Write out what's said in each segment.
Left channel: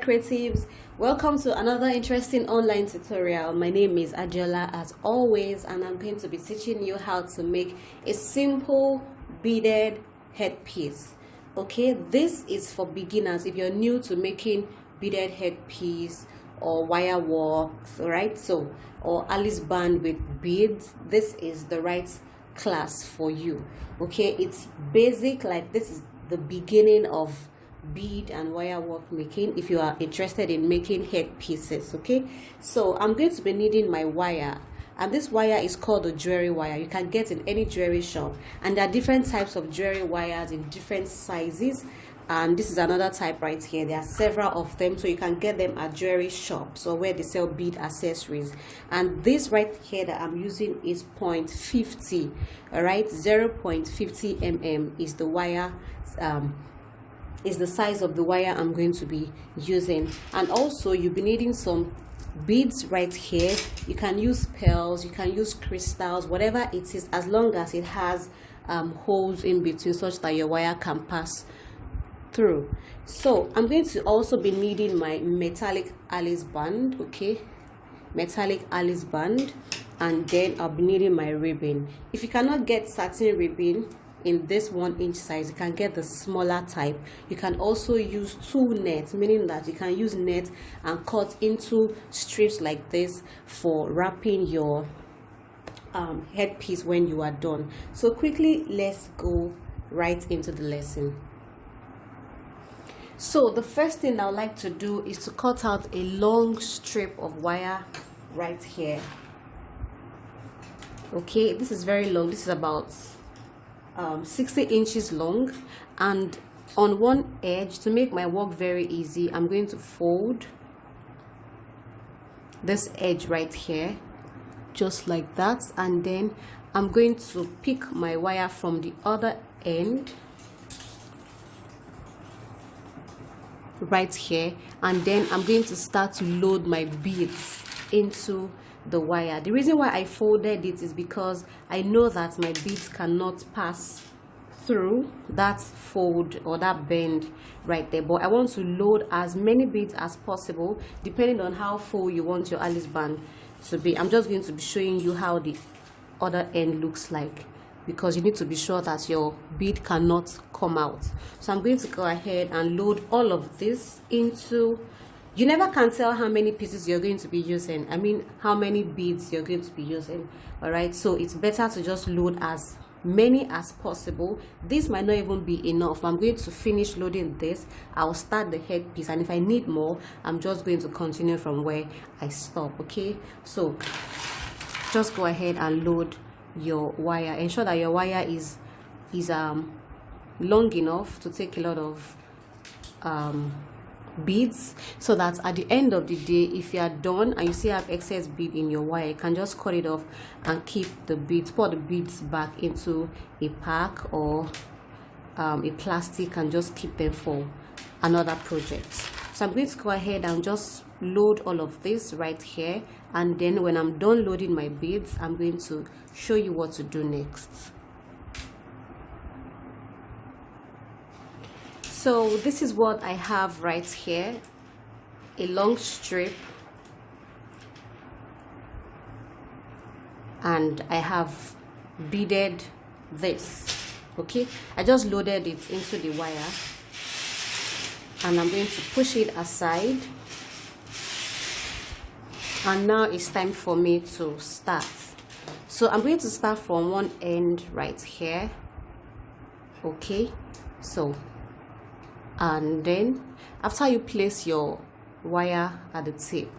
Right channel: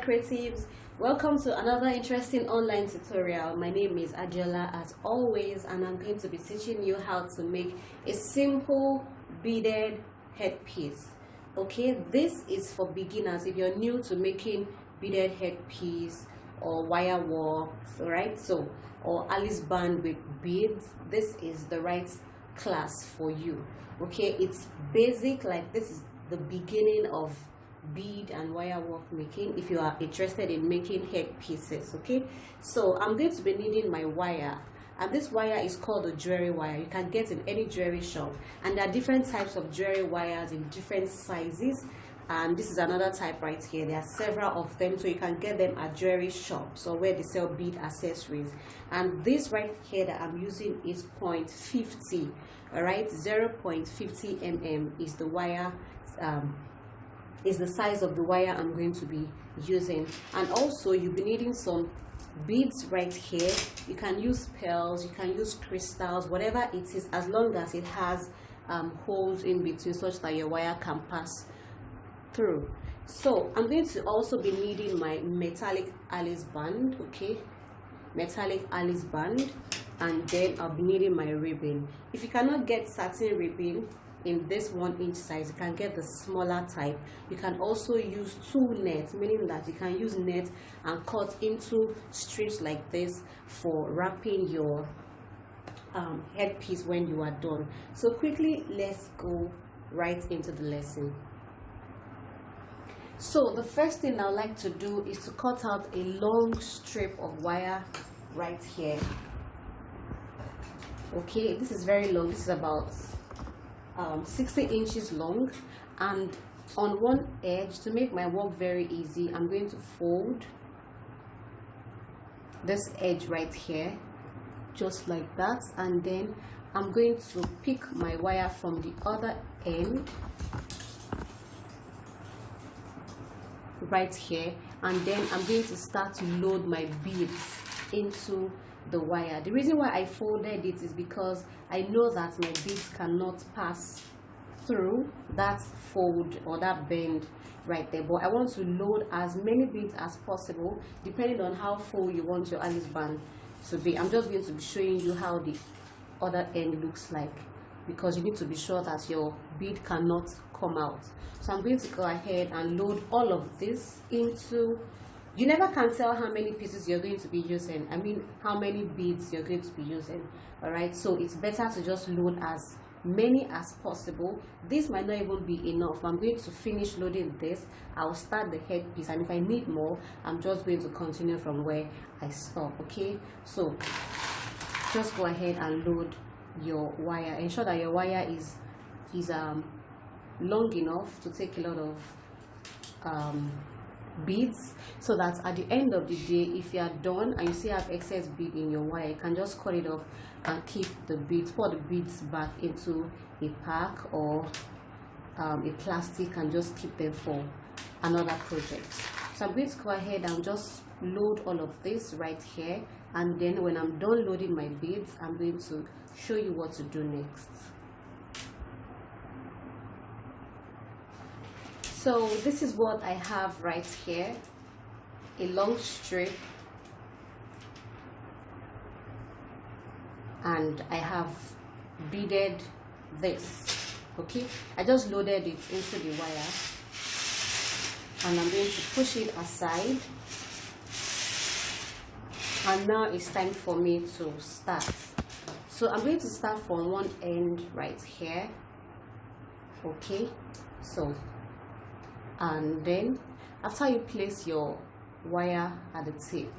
there, creatives. Welcome to another interesting online tutorial. My name is Adjola as always, and I'm going to be teaching you how to make a simple beaded headpiece. Okay, this is for beginners. If you're new to making beaded headpiece or wire works, all right, so or Alice band with beads, this is the right class for you. Okay, it's basic, like this is the beginning of bead and wire work making if you are interested in making headpieces. Okay, so I'm going to be needing my wire, and this wire is called a jewelry wire. You can get in any jewelry shop, and there are different types of jewelry wires in different sizes, and this is another type right here. There are several of them, so you can get them at jewelry shops or where they sell bead accessories. And this right here that I'm using is 0.50, all right, 0.50 mm is the wire, is the size of the wire I'm going to be using. And also you'll be needing some beads right here. You can use pearls, you can use crystals, whatever it is, as long as it has holes in between such that your wire can pass through. So I'm going to also be needing my metallic Alice band. Okay, metallic Alice band, and then I'll be needing my ribbon. If you cannot get satin ribbon in this 1-inch size, you can get the smaller type. You can also use 2 nets, meaning that you can use net and cut into strips like this for wrapping your headpiece when you are done. So quickly, let's go right into the lesson. So the first thing I would like to do is to cut out a long strip of wire right here. Okay, this is very long. This is about 60 inches long, and on one edge, to make my work very easy, I'm going to fold this edge right here just like that, and then I'm going to pick my wire from the other end right here, and then I'm going to start to load my beads into the wire. The reason why I folded it is because I know that my beads cannot pass through that fold or that bend right there, but I want to load as many beads as possible depending on how full you want your Alice band to be. I'm just going to be showing you how the other end looks like, because you need to be sure that your bead cannot come out. So I'm going to go ahead and load all of this into, you never can tell how many pieces you're going to be using, I mean how many beads you're going to be using. All right, so it's better to just load as many as possible. This might not even be enough. I'm going to finish loading this, I'll start the headpiece, and if I need more, I'm just going to continue from where I stop. Okay, so just go ahead and load your wire. Ensure that your wire is long enough to take a lot of beads, so that at the end of the day, if you are done and you still have excess bead in your wire, you can just cut it off and keep the beads, pour the beads back into a pack or a plastic, and just keep them for another project. So I'm going to go ahead and just load all of this right here, and then when I'm done loading my beads, I'm going to show you what to do next. So this is what I have right here, a long strip, and I have beaded this. Okay, I just loaded it into the wire, and I'm going to push it aside, and now it's time for me to start. So I'm going to start from one end right here. Okay, so, and then after you place your wire at the tip,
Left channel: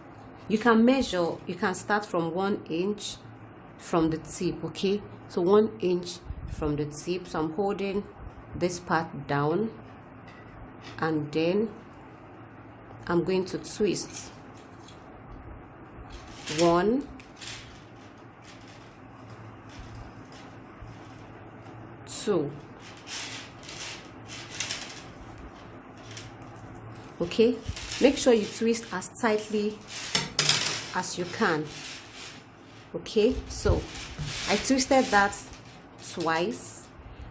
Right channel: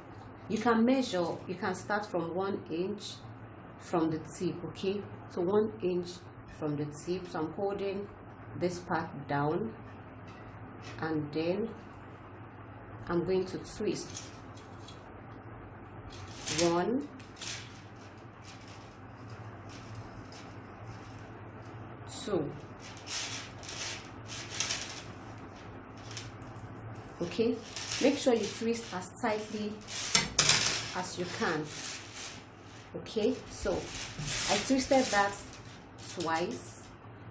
you can measure, you can start from 1 inch from the tip. Okay, so 1 inch from the tip. So I'm holding this part down, and then I'm going to twist 1, 2. Okay, make sure you twist as tightly as you can. Okay, so I twisted that twice,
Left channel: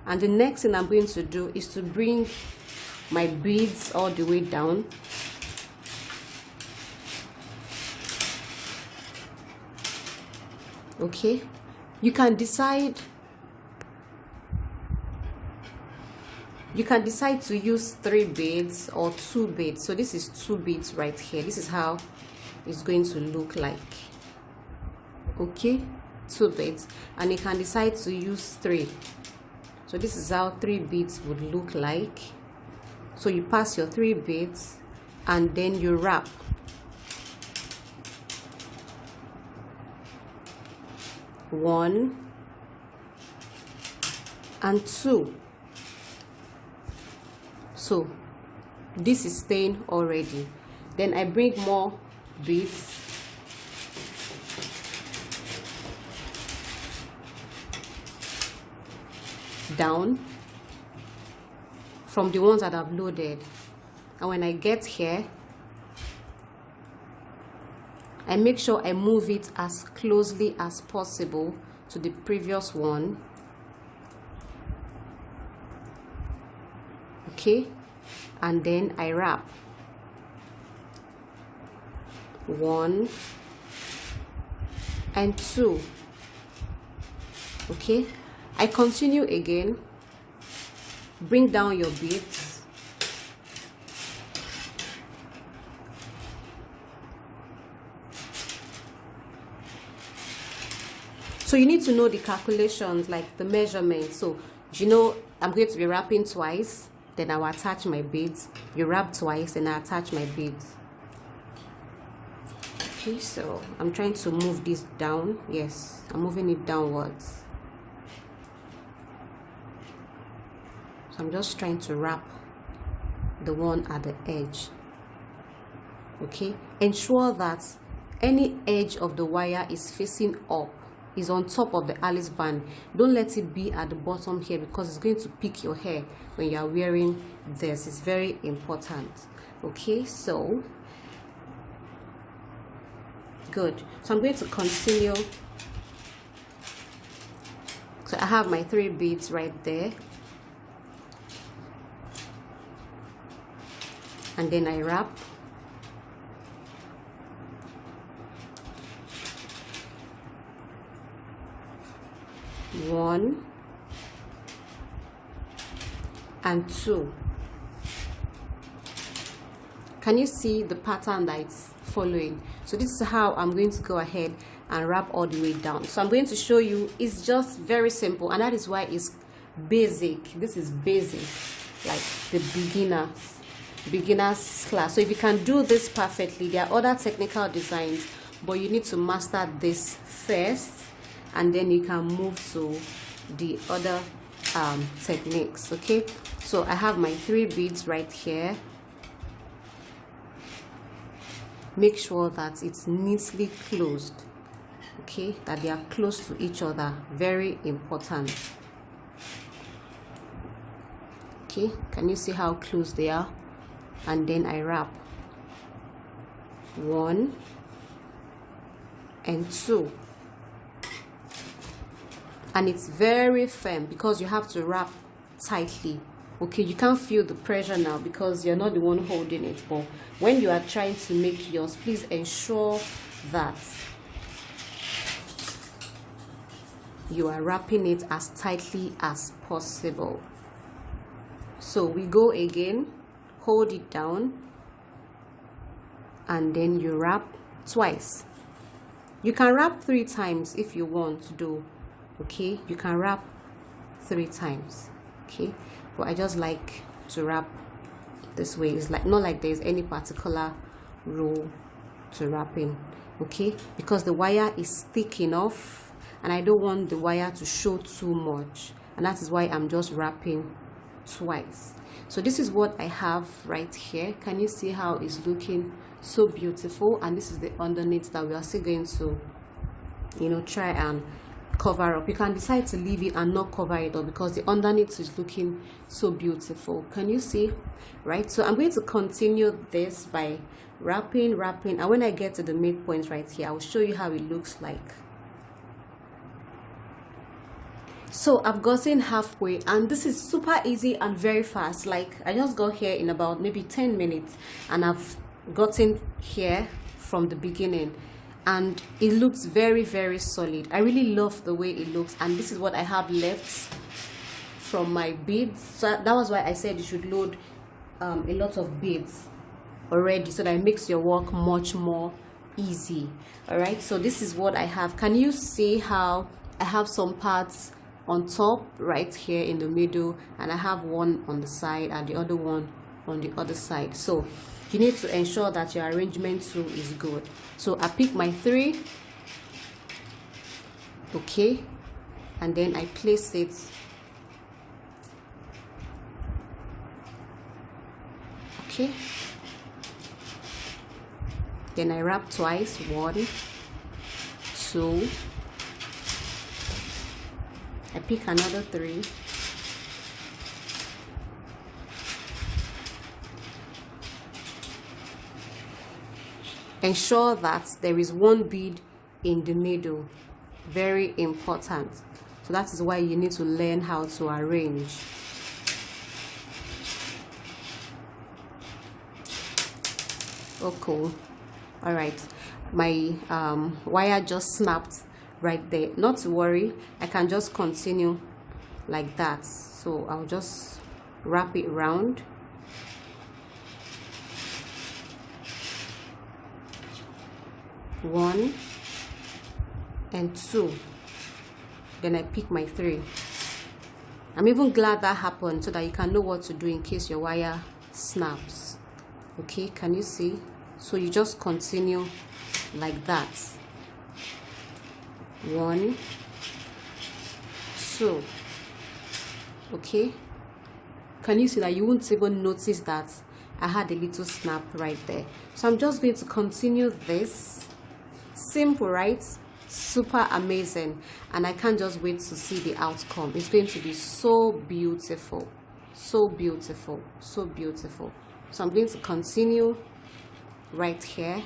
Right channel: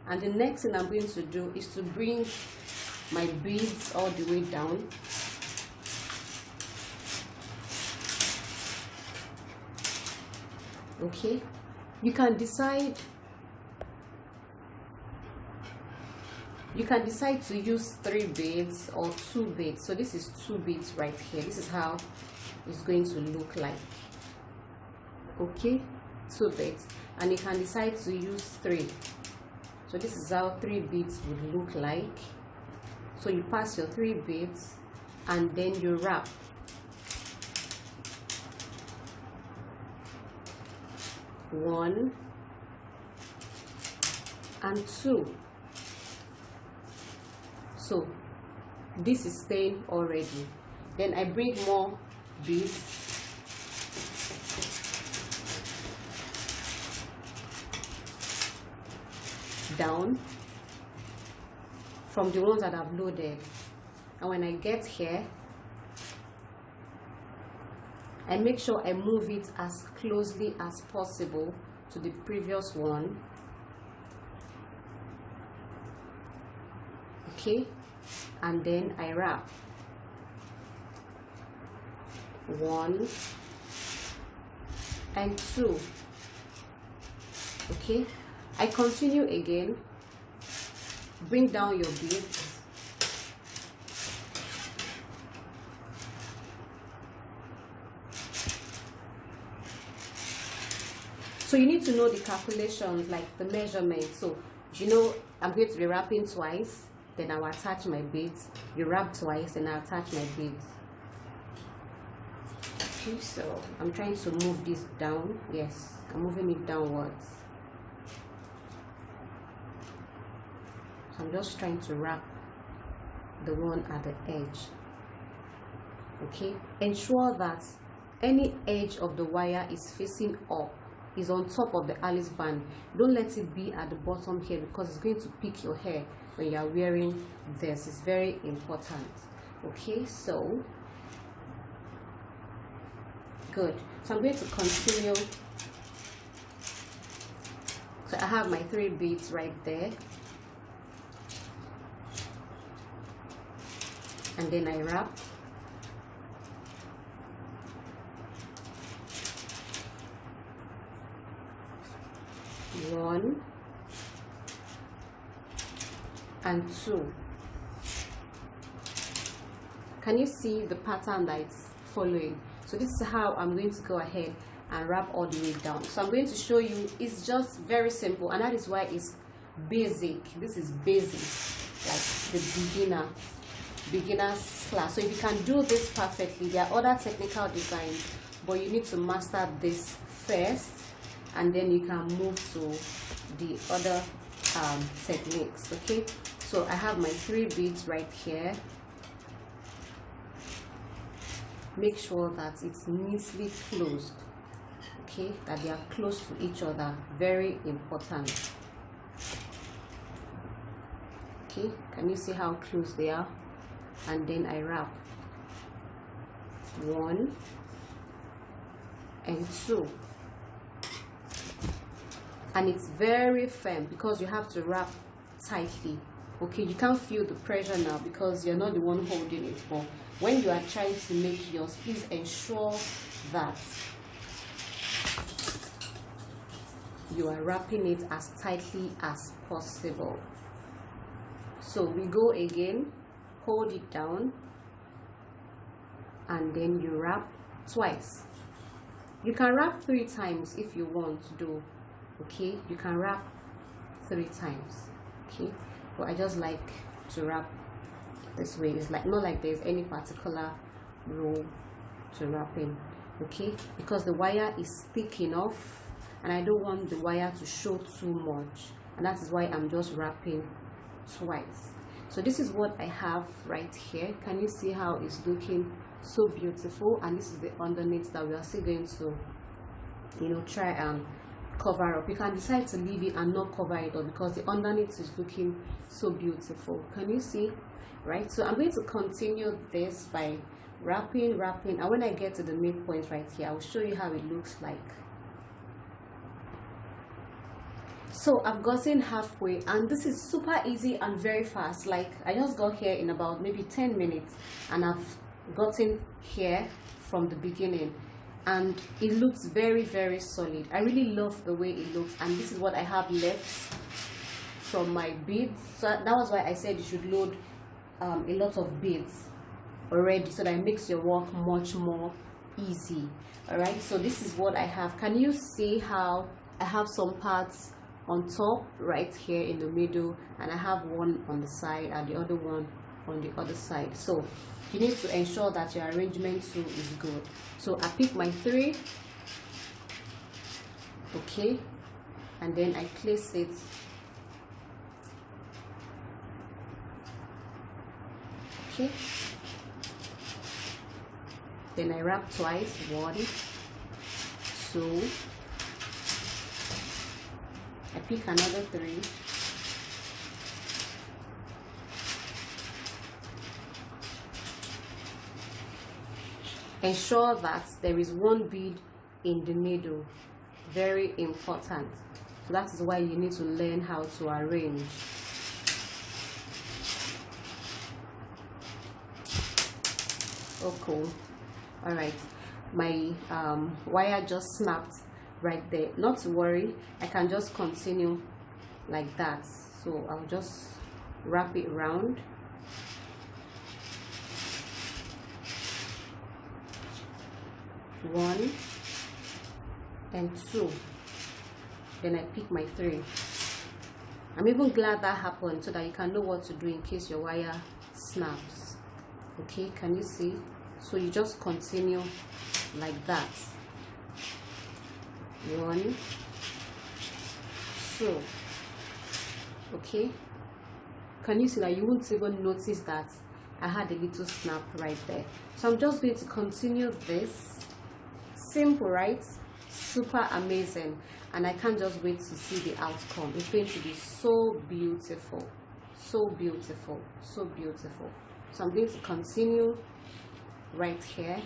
and the next thing I'm going to do is to bring my beads all the way down Okay, you can decide to use 3 beads or 2 beads. So this is 2 beads right here. This is how it's going to look like. Okay, 2 beads, and you can decide to use 3. So this is how 3 beads would look like. So you pass your 3 beads and then you wrap. One and 2. So this is staying already. Then I bring more beads down from the ones that I've loaded, and when I get here, I make sure I move it as closely as possible to the previous one. Okay, and then I wrap. 1 and 2. Okay, I continue again. Bring down your beads. So you need to know the calculations, like the measurements. So you know I'm going to be wrapping twice, then I'll attach my beads. You wrap twice, then I attach my beads. Okay, so I'm trying to move this down. Yes, I'm moving it downwards. So I'm just trying to wrap the one at the edge. Okay, ensure that any edge of the wire is facing up, is on top of the Alice band. Don't let it be at the bottom here, because it's going to pick your hair when you are wearing this. It's very important. Okay, so good. So I'm going to continue. So I have my 3 beads right there, and then I wrap. One and 2. Can you see the pattern that it's following? So this is how I'm going to go ahead and wrap all the way down. So I'm going to show you. It's just very simple, and that is why it's basic. This is basic, like the beginners class. So if you can do this perfectly, there are other technical designs, but you need to master this first, and then you can move to the other techniques. Okay, so I have my 3 beads right here. Make sure that it's neatly closed. Okay, that they are close to each other. Very important. Okay, can you see how close they are? And then I wrap. 1 and 2. And it's very firm because you have to wrap tightly. Okay, you can't feel the pressure now because you're not the one holding it. But when you are trying to make yours, please ensure that you are wrapping it as tightly as possible. So we go again, hold it down, and then you wrap twice. You can wrap 3 times if you want to do. Okay, you can wrap 3 times. Okay, but I just like to wrap this way. It's like not like there's any particular rule to wrapping. Okay, because the wire is thick enough and I don't want the wire to show too much, and that is why I'm just wrapping twice. So this is what I have right here. Can you see how it's looking so beautiful? And this is the underneath that we are still going to, you know, try and cover up. You can decide to leave it and not cover it up because the underneath is looking so beautiful. Can you see? Right, so I'm going to continue this by wrapping, and when I get to the midpoint right here, I'll show you how it looks like. So I've gotten halfway, and this is super easy and very fast. Like I just got here in about maybe 10 minutes and I've gotten here from the beginning. and it looks very, very solid. I really love the way it looks, and this is what I have left from my beads. So that was why I said you should load a lot of beads already, so that it makes your work much more easy. All right, so this is what I have. Can you see how I have some parts on top right here in the middle, and I have one on the side and the other one on the other side? So you need to ensure that your arrangement too is good. So I pick my 3, okay, and then I place it okay. Then I wrap twice, 1, 2, I pick another 3, ensure that there is one bead in the middle, very important. So that is why you need to learn how to arrange. Oh, cool. All right, my wire just snapped right there. Not to worry, I can just continue like that. So I'll just wrap it round. One and 2, then I pick my 3. I'm even glad that happened, so that you can know what to do in case your wire snaps. Okay, can you see? So you just continue like that. 1, 2. Okay, can you see that you won't even notice that I had a little snap right there? So I'm just going to continue this. Simple, right? Super amazing, and I can't just wait to see the outcome. It's going to be so beautiful, so beautiful, so beautiful. So I'm going to continue right here.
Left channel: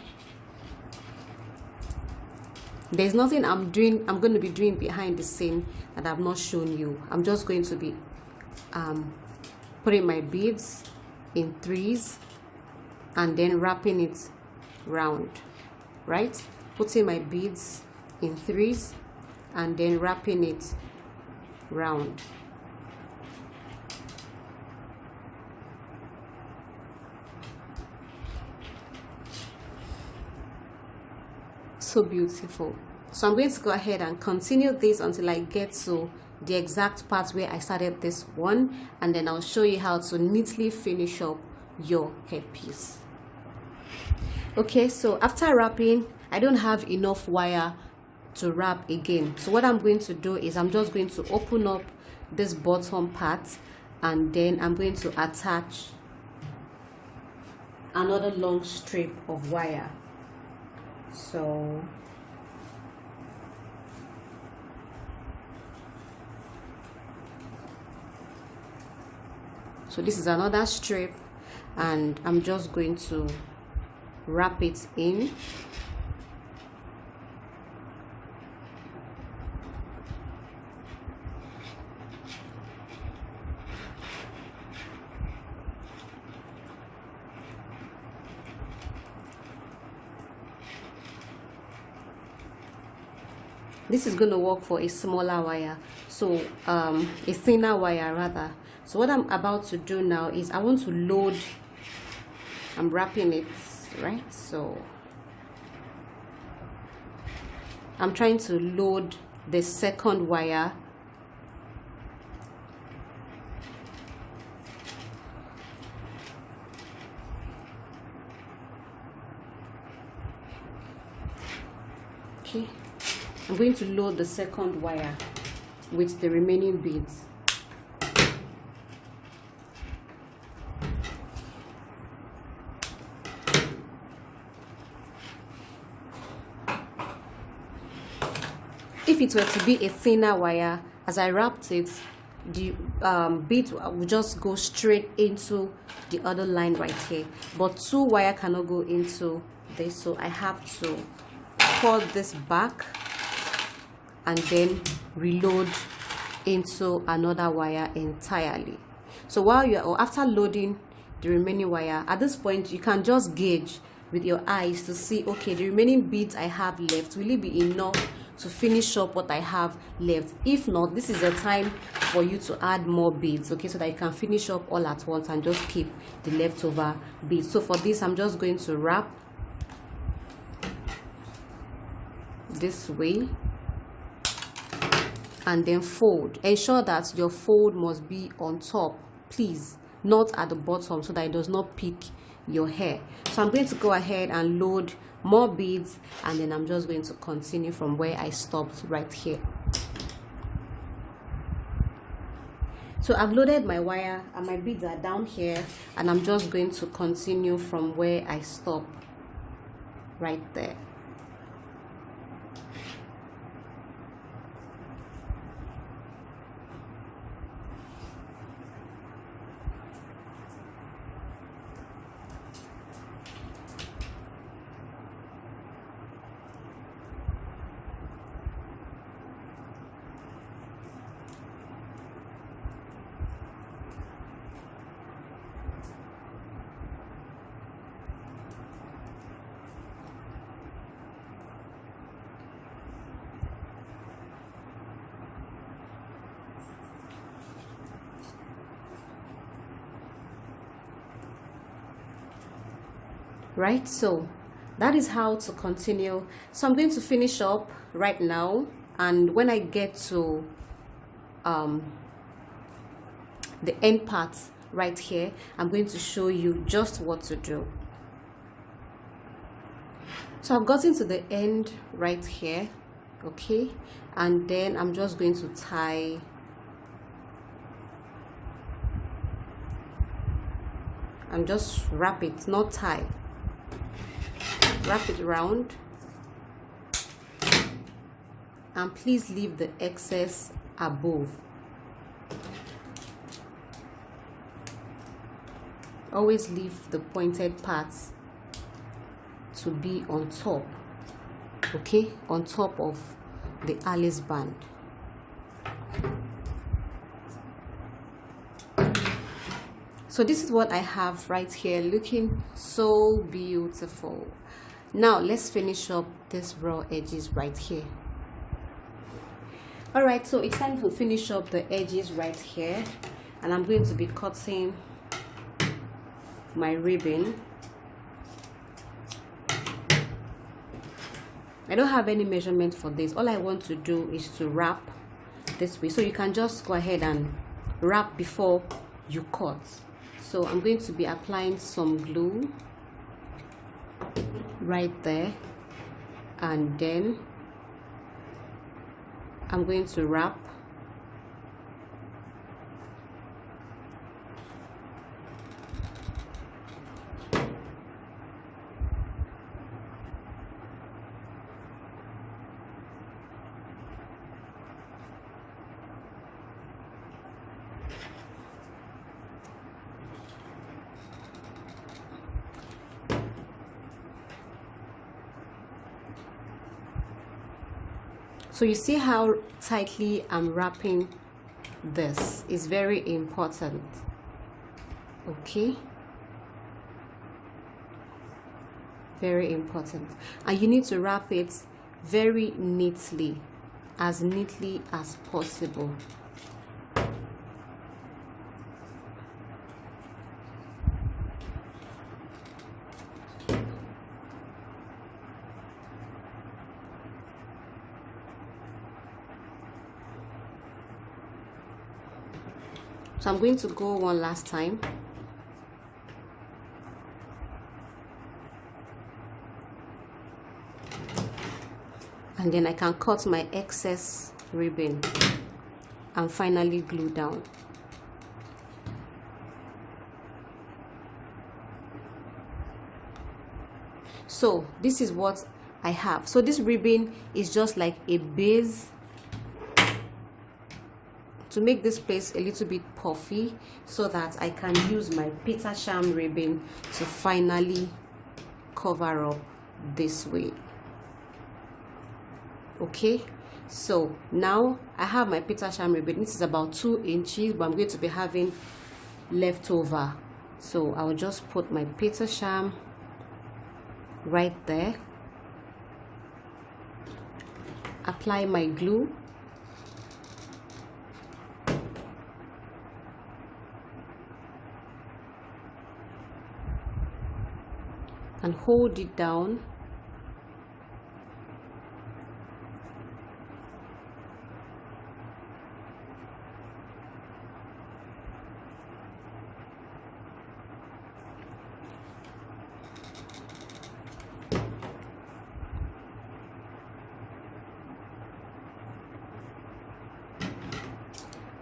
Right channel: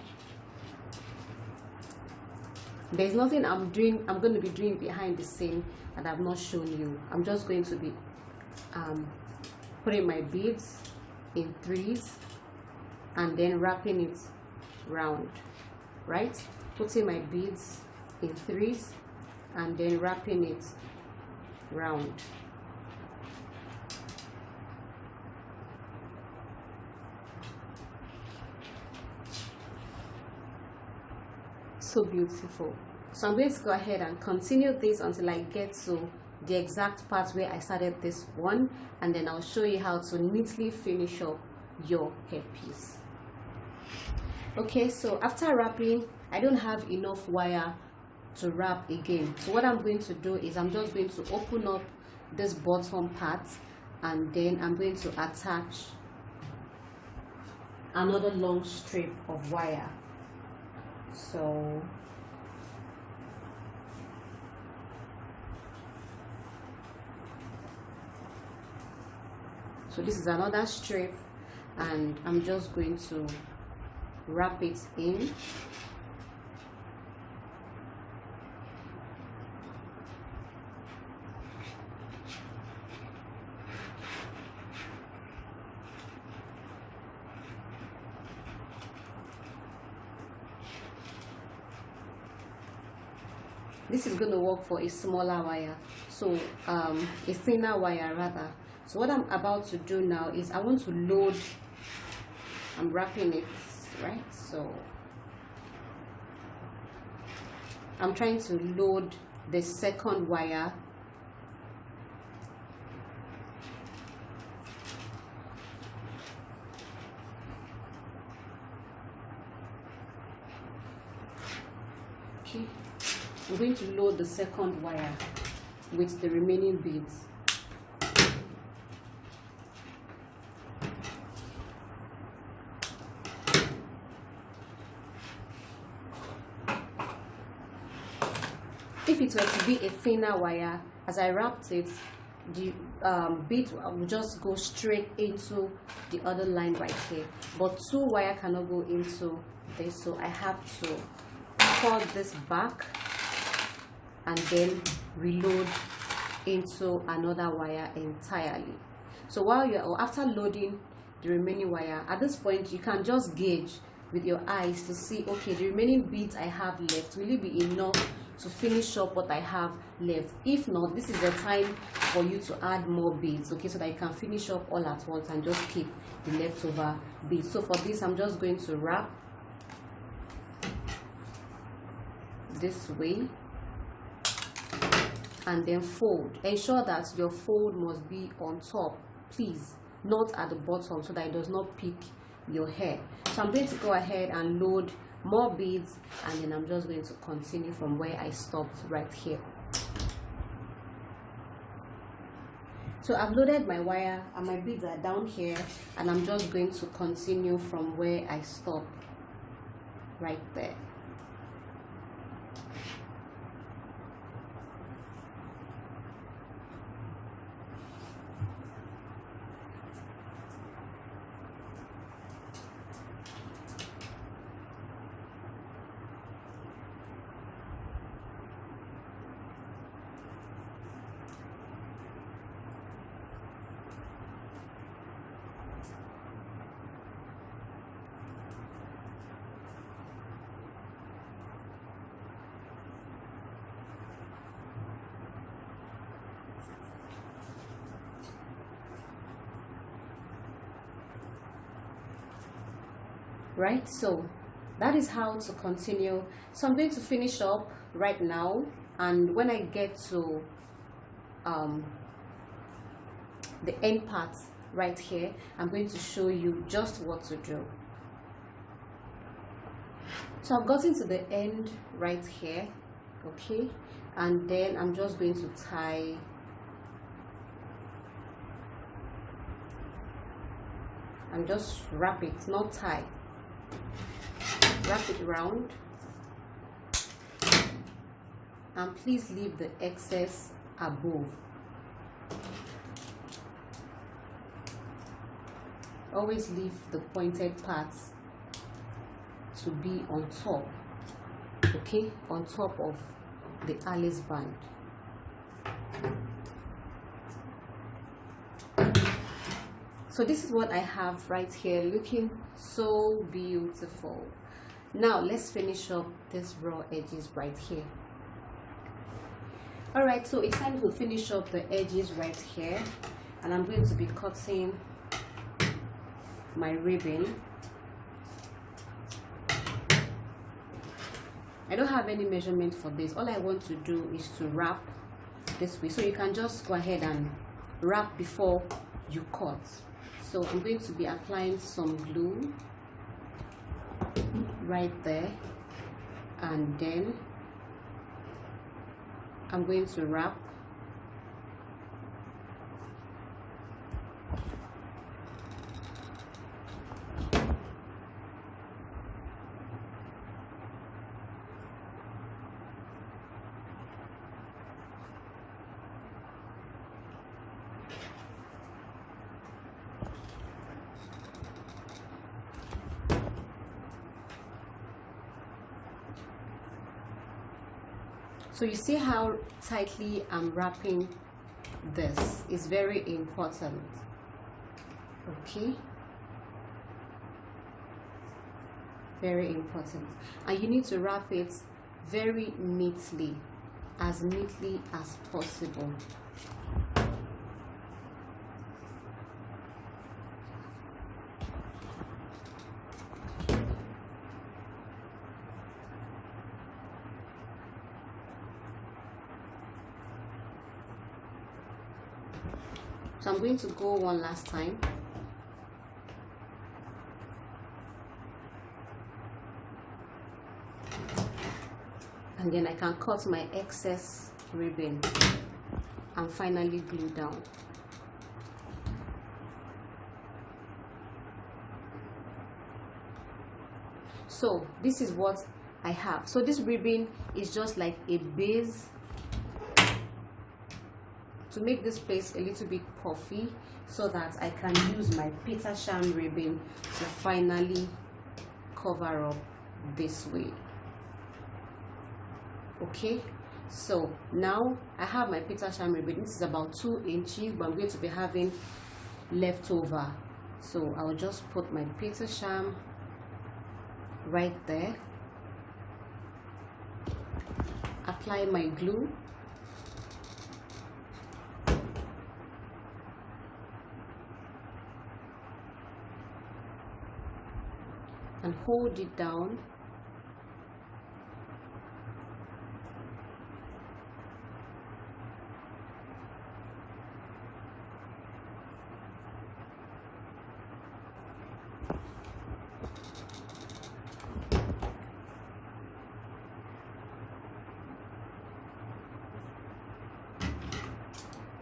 There's nothing I'm going to be doing behind the scene that I've not shown you. I'm just going to be putting my beads in 3s and then wrapping it round, right? Putting my beads in 3s and then wrapping it round. So beautiful. So I'm going to go ahead and continue this until I get to the exact part where I started this one, and then I'll show you how to neatly finish up your headpiece. Okay, so after wrapping, I don't have enough wire to wrap again. So what I'm going to do is I'm just going to open up this bottom part, and then I'm going to attach another long strip of wire. So this is another strip, and I'm just going to wrap it in. This is going to work for a smaller wire, so a thinner wire rather. So what I'm about to do now is I want to load. I'm wrapping it, right? So I'm trying to load the second wire. Okay, I'm going to load the second wire with the remaining beads. If it were to be a thinner wire, as I wrapped it, the bead will just go straight into the other line right here. But 2 wire cannot go into this, so I have to pull this back and then reload into another wire entirely. So while you're, or after loading the remaining wire, at this point you can just gauge with your eyes to see, okay, the remaining beads I have left, will it be enough to finish up what I have left? If not, this is the time for you to add more beads, okay, so that you can finish up all at once and just keep the leftover beads. So for this, I'm just going to wrap this way and then fold. Ensure that your fold must be on top, please, not at the bottom, so that it does not pick your hair. So I'm going to go ahead and load more beads, and then I'm just going to continue from where I stopped right here. So I've loaded my wire and my beads are down here, and I'm just going to continue from where I stopped right there. Right, so that is how to continue. So I'm going to finish up right now, and when I get to the end part right here, I'm going to show you just what to do. So I've gotten to the end right here, okay, and then I'm just going to tie and just wrap it, not tie. Wrap it around, and please leave the excess above. Always leave the pointed parts to be on top, okay, on top of the Alice band. So this is what I have right here, looking so beautiful. Now let's finish up this raw edges right here. All right, so it's time to finish up the edges right here, and I'm going to be cutting my ribbon. I don't have any measurement for this. All I want to do is to wrap this way, so you can just go ahead and wrap before you cut. So I'm going to be applying some glue right there, and then I'm going to wrap. So you see how tightly I'm wrapping this is very important, okay, very important. And you need to wrap it very neatly, as neatly as possible. So I'm going to go one last time. And then I can cut my excess ribbon and finally glue down. So this is what I have. So this ribbon is just like a base to make this place a little bit puffy, so that I can use my Petersham ribbon to finally cover up this way. Okay, so now I have my Petersham ribbon. This is about 2 inches, but I'm going to be having leftover, so I'll just put my Petersham right there, apply my glue, and hold it down.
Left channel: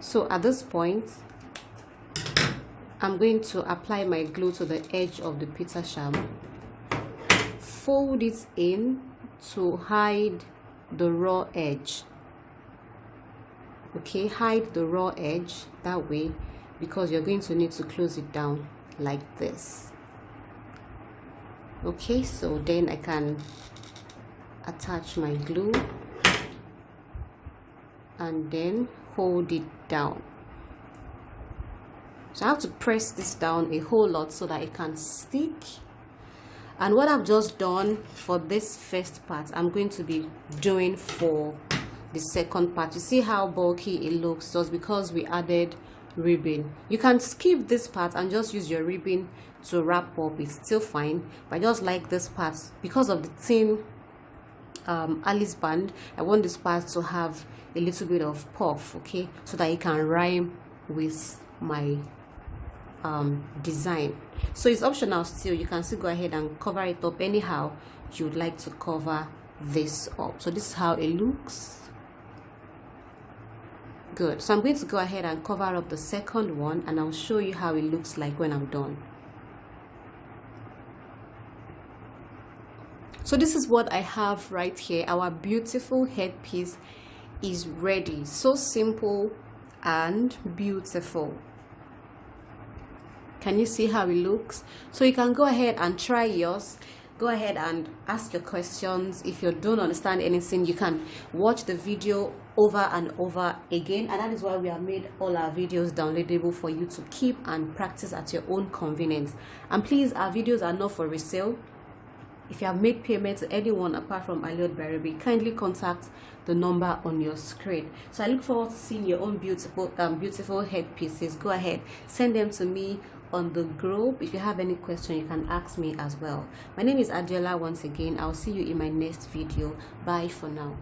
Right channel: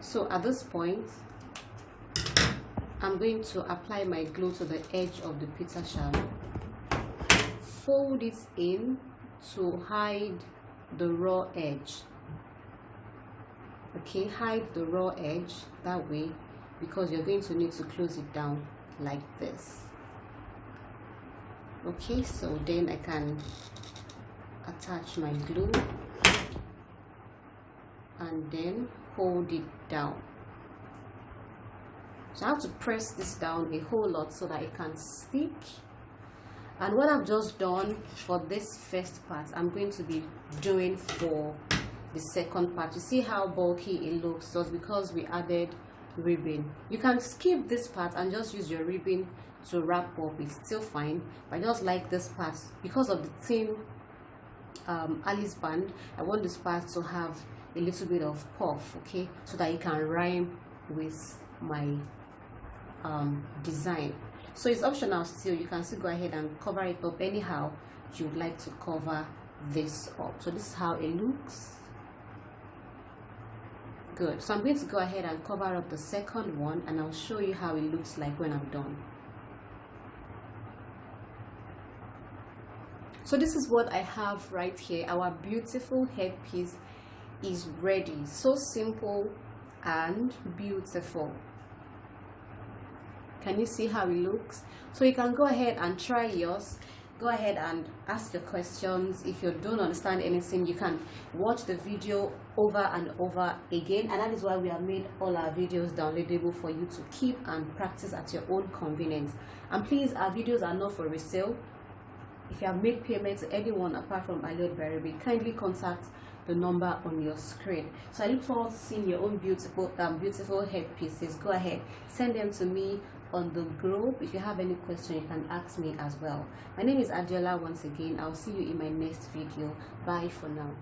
So at this point, I'm going to apply my glue to the edge of the pizza shell, fold it in to hide the raw edge. Okay, hide the raw edge that way, because you're going to need to close it down like this. Okay, so then I can attach my glue and then hold it down. So I have to press this down a whole lot so that it can stick. And what I've just done for this first part, I'm going to be doing for the second part. You see how bulky it looks? Just because we added ribbon. You can skip this part and just use your ribbon to wrap up. It's still fine, but I just like this part because of the thin Alice band. I want this part to have a little bit of puff, okay, so that it can rhyme with my design. So it's optional still. You can still go ahead and cover it up anyhow you would like to cover this up. So this is how it looks. Good. So I'm going to go ahead and cover up the second one, and I'll show you how it looks like when I'm done. So this is what I have right here. Our beautiful headpiece is ready. So simple and beautiful. Can you see how it looks? So you can go ahead and try yours. Go ahead and ask your questions. If you don't understand anything, you can watch the video over and over again, and that is why we have made all our videos downloadable for you to keep and practice at your own convenience. And please, our videos are not for resale. If you have made payment to anyone apart from Allured, kindly contact the number on your screen. So I look forward to seeing your own beautiful headpieces. Go ahead, send them to me on the group. If you have any question, you can ask me as well. My name is Adela once again. I'll see you in my next video. Bye for now.